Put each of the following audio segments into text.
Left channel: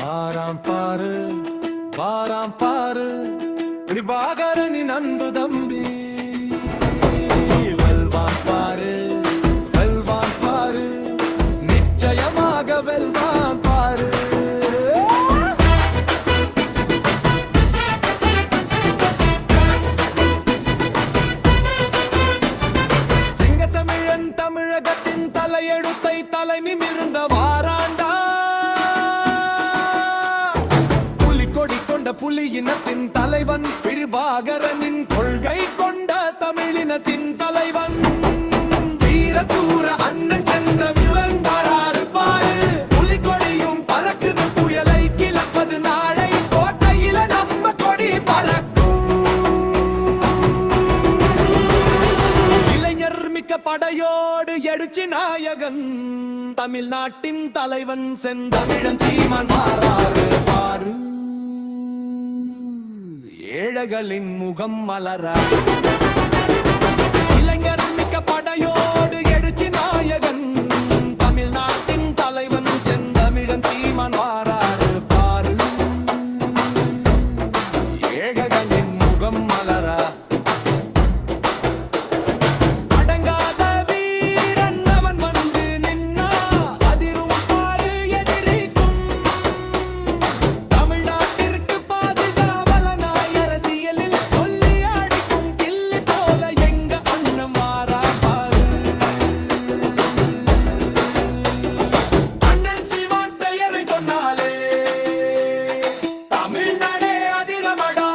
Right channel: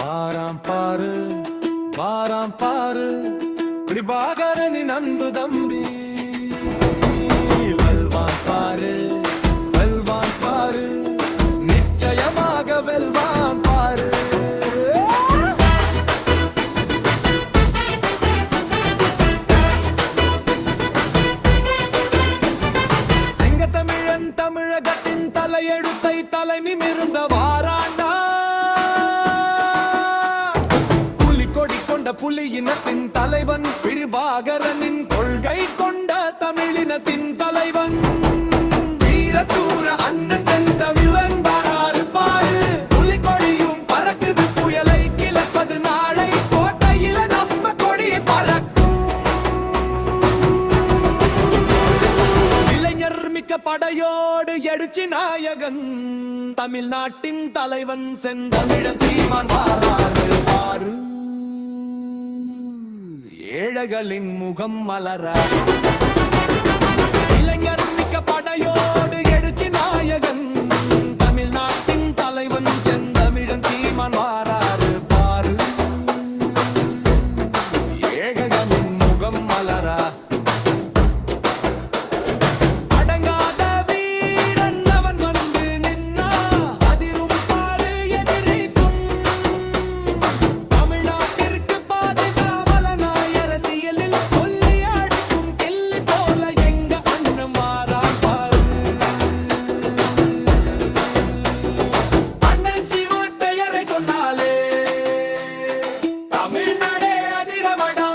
வாராம் பாரு வாராம் பாரு கிருபாகரனின் அன்பு தம்பி. வெல்வான் பாரு வெல்வான் பாரு நிச்சயமாக வெல்வான் பாரு. சிங்கத்தமிழன் தமிழகத்தின் தலையெழுத்தை தலை நிமிர்ந்த வாராண்டா. கொடி கொண்ட புலி இனத்தின் தலைவன் கிருபாகரனின் கொள்கை கொண்ட தமிழினத்தின் தலைவன். வீரசூர அண்ணன் செந்தமிழன் வராறு பாரு. புலி கொடியும் பறக்குது புயலை கிளப்பது நாளை கோட்டையில நம்ம கொடி பறக்கும். இளைஞர் மிக்க படையோடு எழுச்சி நாயகன் தமிழ்நாட்டின் தலைவன் செந்தமிழன் சீமான் வாராறு பாரு. ஏழைகளின் முகம் மலர இளைஞர் மிக்க படையோடு எழுச்சி நாயகன் தமிழ்நாட்டின் தலைவன் செந்தமிழன் சீமான் வாராறு பாரு. ஏழைகளின் முகம் மலர அடங்காத வீரன் அவன் வந்து நின்னா அதிரும் பாரு எதிரிக்கும். தமிழ்நாட்டிற்கு பாதுகாவலனாய் அரசியலில் சொல்லி அடிக்கும் கிள்ளி போல எங்க அண்ணன் வாராம் பாரு. அண்ணன் சீமான் பெயரை சொன்னாலே தமிழ்நாடே அதிரமடா.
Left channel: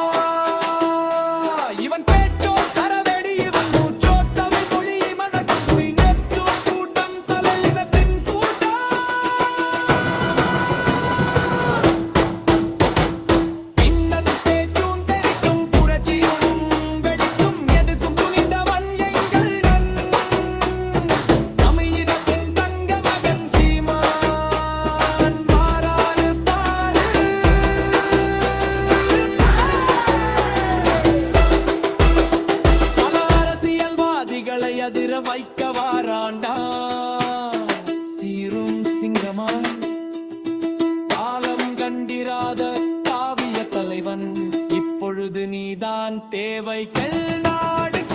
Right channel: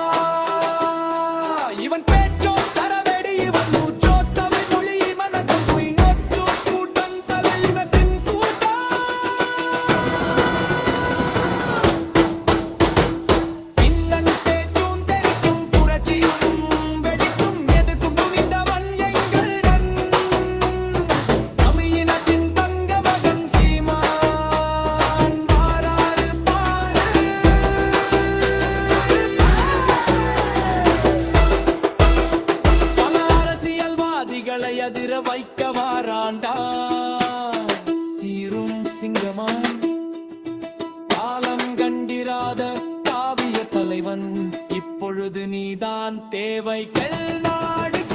இவன் பேச்சோ சரவெடி இவன் மூச்சோ தமிழ் மொழி மனக்கும் குயிங்கோ கூட்டம் தலையினத்தின் கூட்டம். இன்னன் பேச்சும் தெரிக்கும் புரட்சியும் வெடிக்கும் எதுக்கும் துணிந்தவன் எங்கள் தமிழினத்தின் தங்க மகன் சீமான் வாராறு பாரு. பல அரசியல்வாதிகளை அதிர வைக்க வாராண்டா. சீரும் சிங்கமாய் காலம் கண்டிராத காவிய தலைவன் இப்பொழுது நீதான் தேவைகள் நாடுக்கு.